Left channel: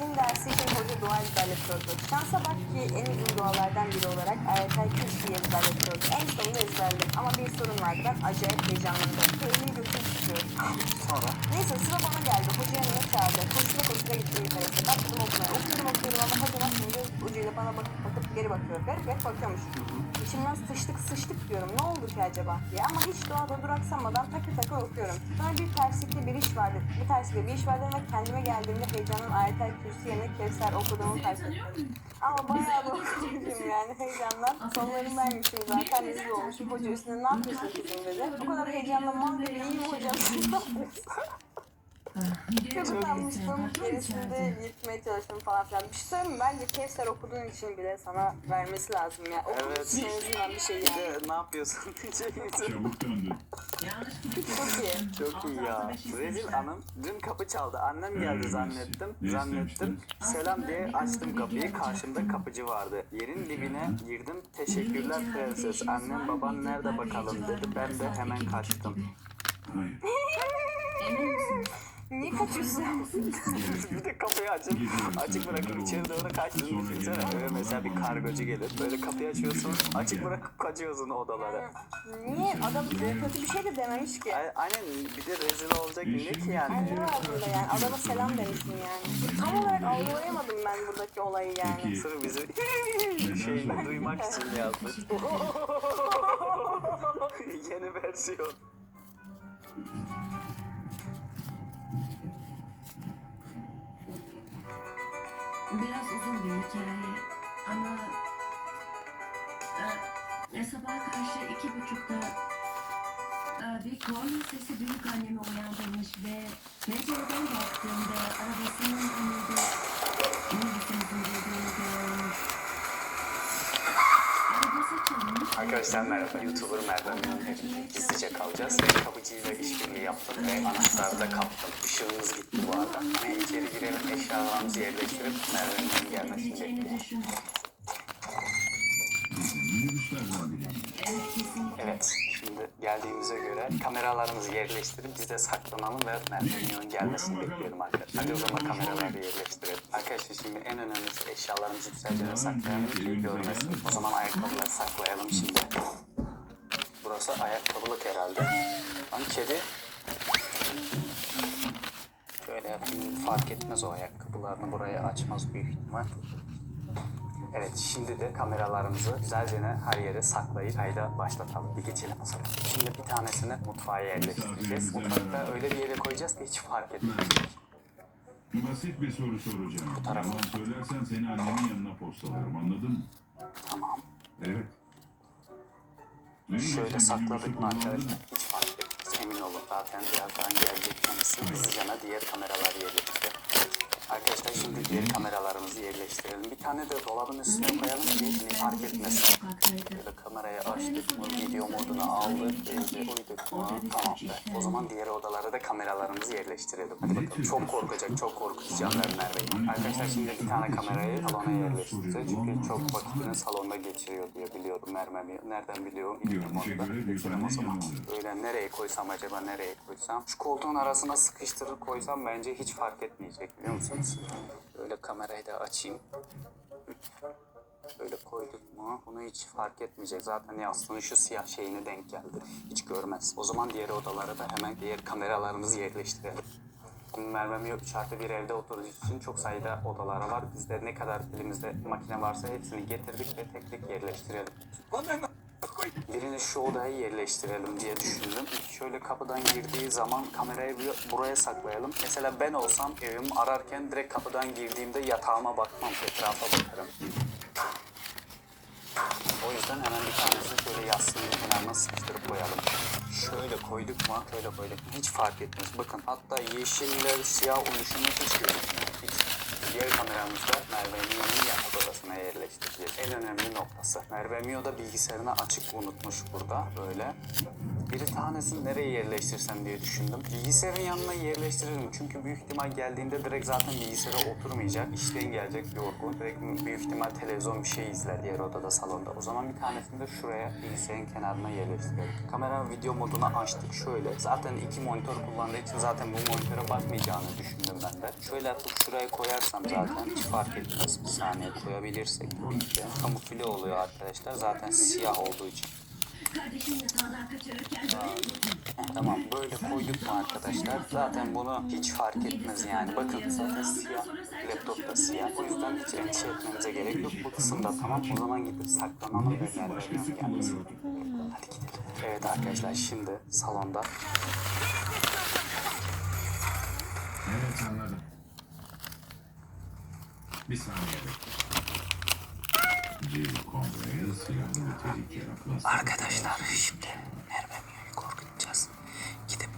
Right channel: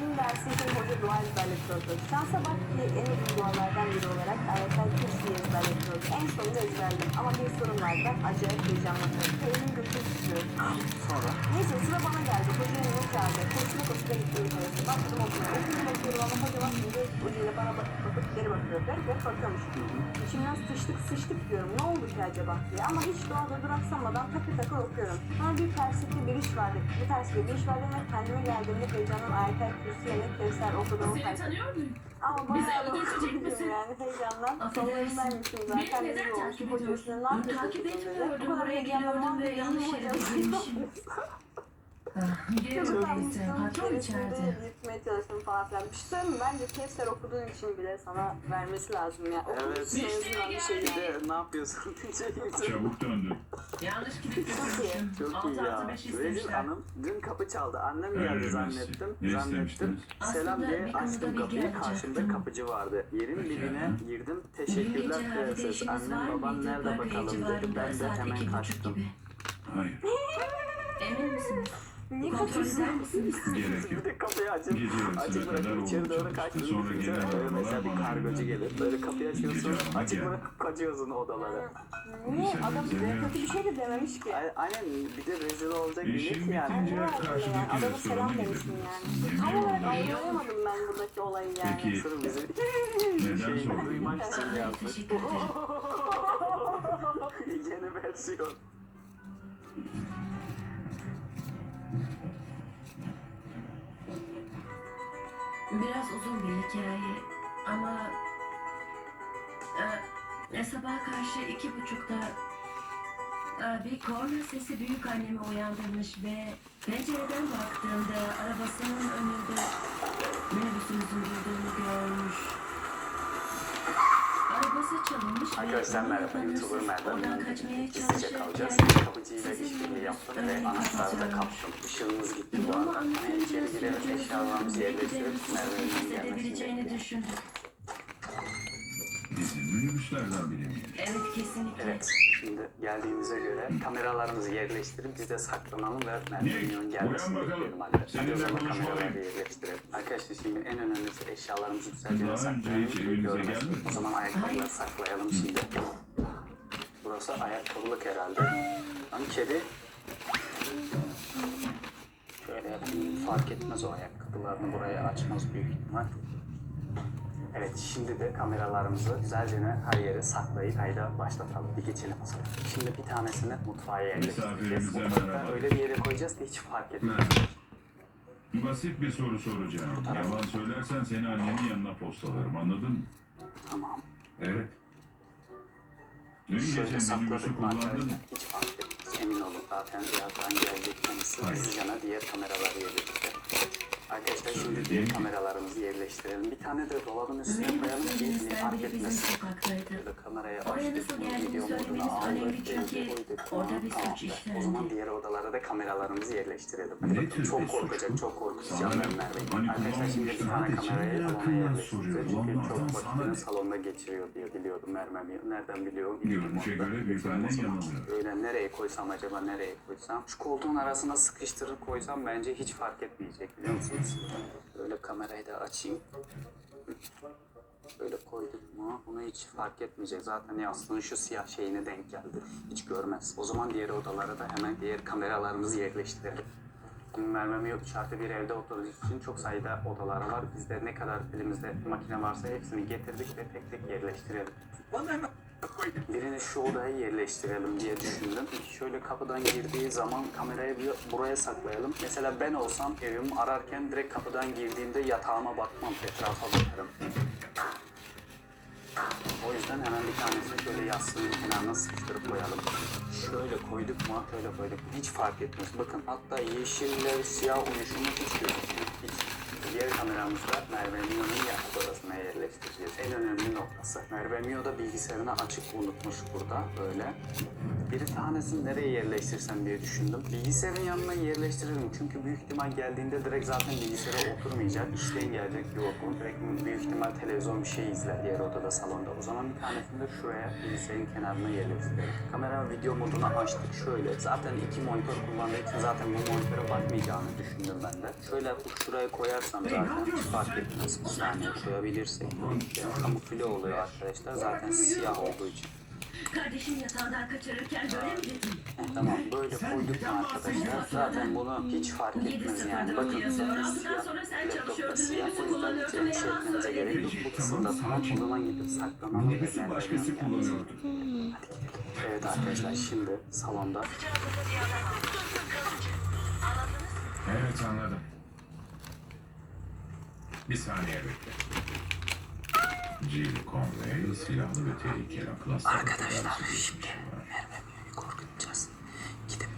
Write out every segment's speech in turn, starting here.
din dersi için hoca dua ezberletiyordu. Şansa bak ki en iyi dualardan biri olarak ayetel kürsüyü ezberletiyordu. En sonunda ezberledim ama bir sorun var. Ben acayip heyecanlandım. Elimi götürüp tutuyorum. Sonra Neyse sıra bana geldi. Hoca yanıma çağırdı. Koştura koştura gitti yukarısı. Baktım okula. Oturdum oturdum ama hocam şimdi hocayla bana bakıp bakıp geri bakıyor. Garip garip bakıyormuş. İçimden sıçtık sıçtık diyorum. Ki acaba diye. Ama hiç doğada duraksamadan takır takır okuyorum. Sonra bir terslikte bir iş vardı. Bir terslikte bir iş vardı ve kendime geldiğimde heyecandan ayetel kürsü yerine kevser okuduğumu fark ettim. tanıyor muyum? Ama bayağı öldürecek okudum yani heyecandan. Sonlarındaymışım Beni zaten. neden takip ediyorsun? ne yapıyorsun. Bu kadar heyecanlanmam geliyordum ve yanlış hocam. almıştım. Patron içeride. Gitmeye çalıştım falan filan. Bir şey söyleyeyim mi? Bence Kevser okuduğun için bile sana vermesi lazım ya. Okuduğun Evet. için en azından bir şey yani. ne yapıyorsun. Çabuk döndü. Yanlış görmüşüm. Çok iyi ya. Rezil hanım dün kapı çaldı. Annem geldi zannettim. Ne Zannettim. Selam diye açtım kapıyı. Karşımda kapıcı vardı. Yerin dibine girdim. Teşekkürler prenses. Annem baban mıydı? nerede bakalım dedi. Ben de saat iki hemen buçuk kaçtım. gibi. Hayır. Emin misiniz? Niye kaçıyorsun? Gerek Bir yok. de kapıyı açıp açık bırakıp içeri olacak. doğru kaçtım. Sonra gelen böyle mesela bir arabalar kargocu bana gelir. Böyle kapıyı açıyorsun. Gidiyorum, Açık gel. bırakıp kaçıyorsun odalara. Niye? Adam kötü bir şey de dememiş ki. Ay- Aynen bir de rezil olacak Bir ne şey yani. Yani ne var Diğer burada yani? karşıdaki Adama selam gidelim. yani. Tam olarak oldu? algılayamadım ben buradaki olayı yani. Peki Sırf bizi Neden şeyini duymak için yazmış. Yeni versiyon. Biraz uzun bir hikaye ama e, sabah karşı iki buçukta e, bir korna sesi büyük annemi uyandırmış ve pencereden baktığımda arabasının önünde minibüsümüzün durduğunu görmüş. Ve Arkadaşlar merhaba, sanırsam YouTuber Merdan. Oradan kaçmaya Gizlice kalacağız. Kapıcıyla işbirliği yaptım ve anahtarı da kaptım. Işığımız gitti bu arada. Hemen içeri girelim eşyalarımızı yerleştirip Merve'nin gelmesini biriymiş. Evet geldiğimize göre kameralarımızı yerleştirip biz de saklanalım ve Merve'nin gelmesini bekleyelim arkadaşlar. Seninle O zaman kameraları yerleştirelim. Arkadaşlar şimdi en önemlisi eşyalarımızı güzelce saklayalım. görmesin. O zaman ayakkabıları saklayalım şimdi. Burası ayakkabılık herhalde. Lan kedi. Şöyle fark etmez o ayakkabılarını buraya açmaz büyük ihtimal. Evet şimdi de kameralarımızı güzelce her yere saklayıp kayda başlatalım. Bir geçelim o zaman. Şimdi bir tanesini mutfağa yerleştireceğiz. Mutfakta öyle bir yere koyacağız ki hiç fark etmez. Basit bir soru soracağım. Yalan söylersen seni annenin yanına postalarım anladın mı? Tamam. Evet. Dün Şöyle gece sakladık mı kullandın arkadaşlar? mı? Hiç fark etmez. Emin olun zaten birazdan gelecek. Hızlıca diğer kameraları yerleştirelim. Arkadaşlar şimdi diğer kameralarımızı yerleştirelim. Bir tane de dolabın üstüne koyalım ki Minibüslerimiz hiç fark bizim etmesin. Böyle kamerayı açtık, bu video söylemeniz aldık, iyice çünkü koyduk. orada bir Tamam suç be. işlendi. O zaman diğer odalara da kameralarımızı yerleştirelim. Bakın, çok korkacak, çok korkutacağım Sana ben Merve'yi. hani Arkadaşlar şimdi bir tane kamerayı salona yerleştireceğiz. Çünkü çok vakitini salonda geçiriyor diye biliyorum Merve'yi. Nereden biliyorum? Görünüşe Bilmiyorum. göre büyük annen O zaman yanılıyor. Böyle nereye koysam acaba nereye koysam? Şu koltuğun arasına sıkıştırıp koysam bence hiç fark etmeyecek biliyor musunuz? Böyle kamerayı da açayım. Böyle koyduk mu bunu hiç fark etmeyecek. Zaten yastığın şu siyah şeyine denk geldi. Hiç görmez. O zaman diğer odalara da hemen diğer kameralarımızı yerleştirelim. Şimdi Merve'm yok dışarıda bir evde oturduğu için çok sayıda odaları var. Bizde ne kadar elimizde makine varsa hepsini getirdik ve tek tek yerleştirelim. Birini şu odaya yerleştirelim diye düşündüm. Şöyle kapıdan girdiği zaman kamerayı buraya saklayalım. Mesela ben olsam evimi ararken direkt kapıdan girdiğimde yatağıma bakmam, etrafa bakarım. O yüzden hemen bir tanesini şöyle yastığın kenarına sıkıştırıp koyalım. Şöyle koyduk mu, şöyle koyduk. Hiç fark etmez. Bakın hatta yeşille siyah uyuşumu hiç gözükmüyor. Diğer kameramızda Merve'nin. Yerleştireceğiz. En önemli noktası. Merve Mio da bilgisayarını açık unutmuş burada böyle. Bir tanesini nereye yerleştirsem diye düşündüm. Bilgisayarın yanına yerleştiririm. Çünkü büyük ihtimal geldiğinde direkt zaten bilgisayara oturmayacak. İşten gelecek Yorgun. Direkt büyük ihtimal televizyon bir şey izler diğer odada salonda. O zaman bir tanesini de şuraya bilgisayarın kenarına yerleştirelim. Kamera video modunu açtık şöyle. Zaten iki monitör kullandığı için zaten bu monitöre bakmayacağını düşündüm ben de. Şöyle yapıp şuraya koyarsam zaten hiç fark etmez. Bir saniye koyabilirsek. Kamufle oluyor arkadaşlar. Zaten siyah olduğu için. Kardeşin yatağından kaçırırken böyle mi dedin? Tamam böyle koyduk mu arkadaşlar? Zaten bunu hiç fark etmez yani. Bakın zaten siyah. Laptopta siyah. O yüzden hiç endişe etmenize gerek yok. Bu kısımda tamam. O zaman gidip saklanalım. Minibüsü başkası kullanıyordu. Evet arkadaşlar şimdi salonda Evet anladım. Bir saniye bekle. Jill Conway silahlı ve tehlikeli akıl hastalığı Arkadaşlar şimdi var. Merve Miyo'yu korkutacağız. Gidip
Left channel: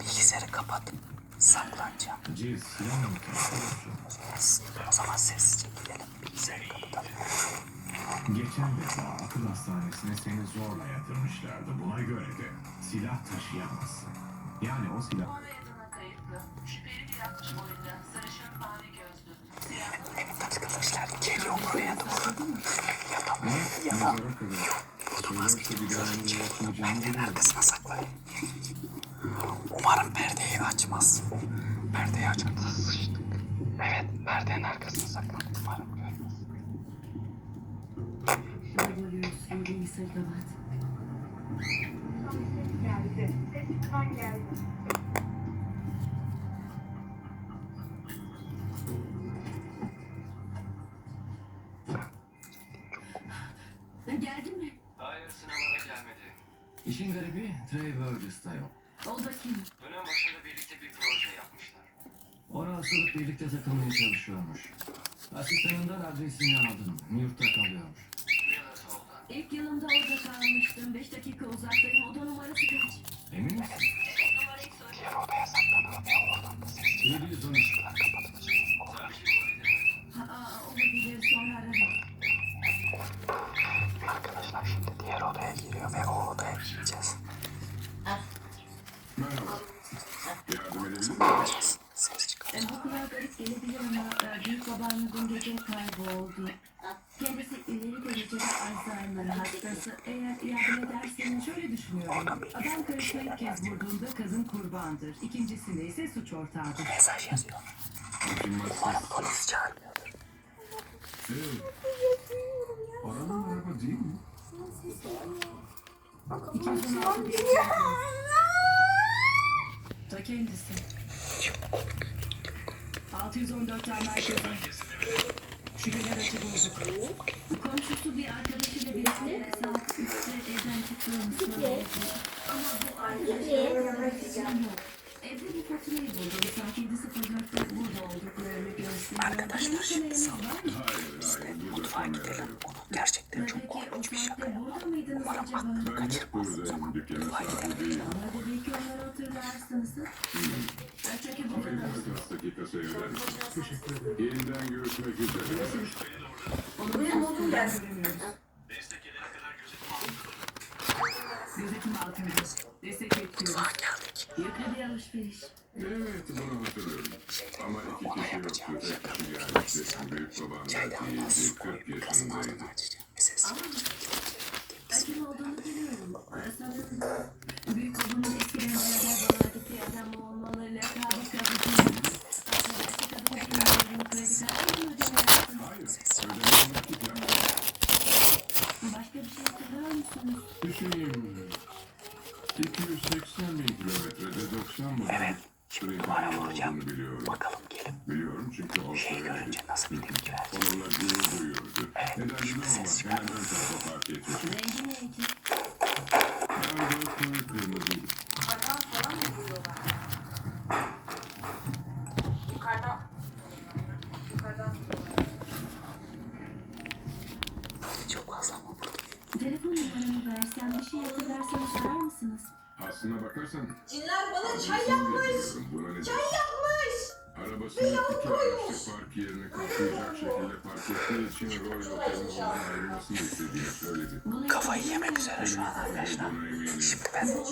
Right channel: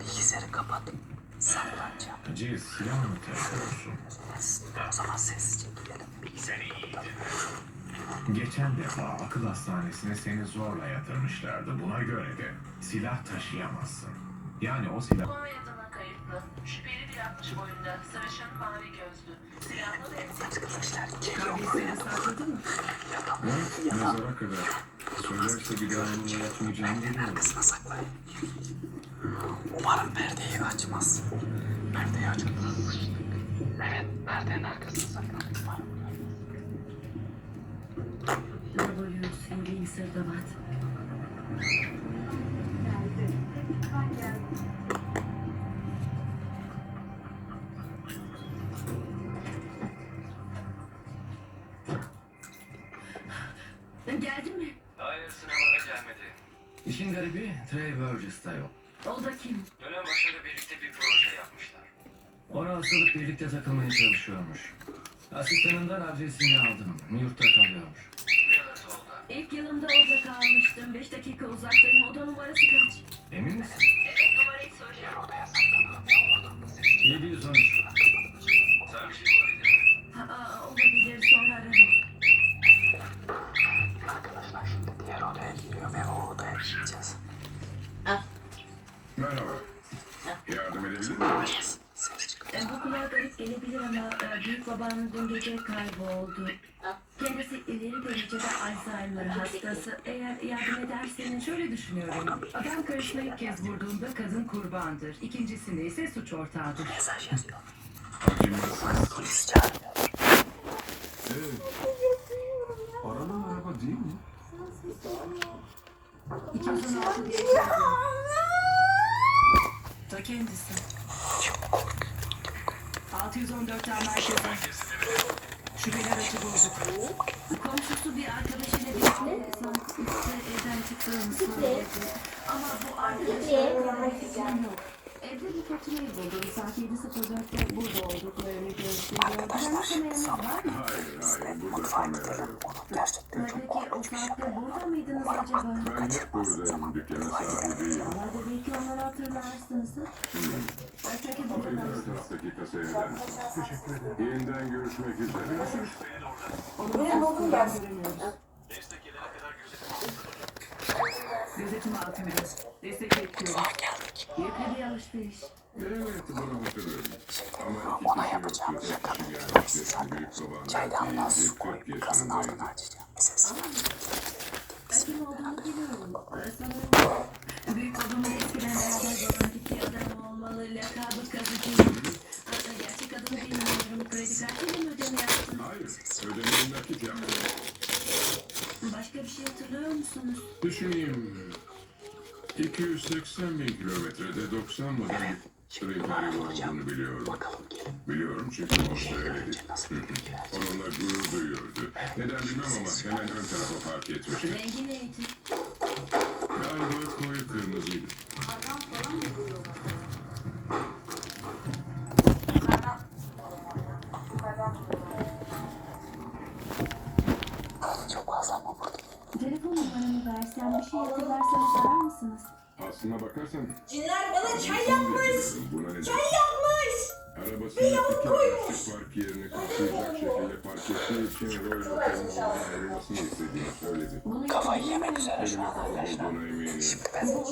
bilgisayarı kapatıp saklanacağım. Jill silah mı taşıyorsun? O zaman sessizce gidelim. Bilgisayarı kapatalım. Geçen defa akıl hastanesine seni zorla yatırmışlardı. Buna göre de silah taşıyamazsın. Yani o silah... Konya'dan kayıtlı. Şüpheli bir atmış boyunda. Sarışın mavi gözlü. Silahlı ve Arkadaşlar geliyor buraya. Ne? Mezara kadar. Söylerse bir daha bunu yapmayacağını biliyorum. Arkasına saklayın. Umarım perdeyi açmaz. Perdeyi açınca sıçtık. Evet, perdenin arkasına saklandık. Umarım görmez. Revolution being gelmedi. İşin garibi Trey Burgess'ta yok. O da kim? Dönem başında birlikte bir proje yapmışlar. Ona asılıp birlikte takılmaya çalışıyormuş. Asistanından adresini aldım. York'ta kalıyormuş. İlk yılımda orada kalmıştım. Beş dakika uzaktayım. Oda numarası kaç? Emin misin? Evet numarayı söyle. Odaya saklanalım ya oradan da ses 713. Sen bir şey olabilir mi? Ha, aa, olabilir sonra ararım. Arkadaşlar şimdi diğer odaya giriyor ve o odaya gireceğiz. Merhaba. Yardım edebilir miyim? Ses çıkıyor. E, Bu kulağa garip gelebilir ama e, büyük babam dün gece kayboldu. Kendisi ileri derecede Alzheimer hastası. Eğer yardım ederseniz Şöyle düşünüyorum. Adam karısına ilk kez vurduğunda kadın kurbandır. İkincisinde ise suç ortağıdır. Mesaj yazıyor. Bana polis çağırıyor. Aranın araba değil mi? 2016 diye Ta kendisi. 614'ten merkeze. Şüpheli aracı bulduk. komşusu bir arkadaşıyla birlikte saat 3'te evden çıktığını söyledi. Ama bu arkadaşın görmek için yok. Evde bir faturayı buldum. Saat 7.04'te burada olduklarını gösteriyor. Arkadaşlar şimdi. Burada Mutfağa gidelim. yok. Onu gerçekten çok korkunç bir şey. Vallahi de belki onları hatırlarsınız. Ben çünkü Ama buradan taraftaki kasaya eder misin? Yeniden görüşmek üzere. Onu buldum görünüyoruz. Gözetim altında. Destek bekliyoruz. yakın bir alışveriş. Evet, bunu hatırlıyorum. Ama iki Ona kişi yapacağım yoktu. şaka Yani biliyorsun. işte Zaten büyük baban çaydanlığa belki su koyup 40 kazın yaşındaydı. altını açacağım. Ses Acım olduğunu biliyorum. Büyük babamın eskiden beraber gittiği adam olmalı. Lakabı 280 bin kilometrede 90 model bir Trevor olduğunu biliyorum. bakalım gelin. Biliyorum çünkü o söyledi. Nasıl bir bilgi var? Onunla gurur duyuyordu. Neden bilmem ama hemen ön tarafa park etmişti. Rengi neydi? Galiba koyu kırmızıydı. Yukarıdan falan mı. Yukarıdan. Çok fazla ama burada. Telefon numaramı versem bir şey hatırlarsanız arar mısınız? Aslına bakarsan Cinler bana çay yapmış. Buna ne Çay yapmış. Arabasını iki araçlı park yerini kapsayacak şekilde park ettiği için Royal Otel'in ondan ayrılmasını istediğini söyledi. Kafayı yemek üzere şu an eminim. Şimdi ben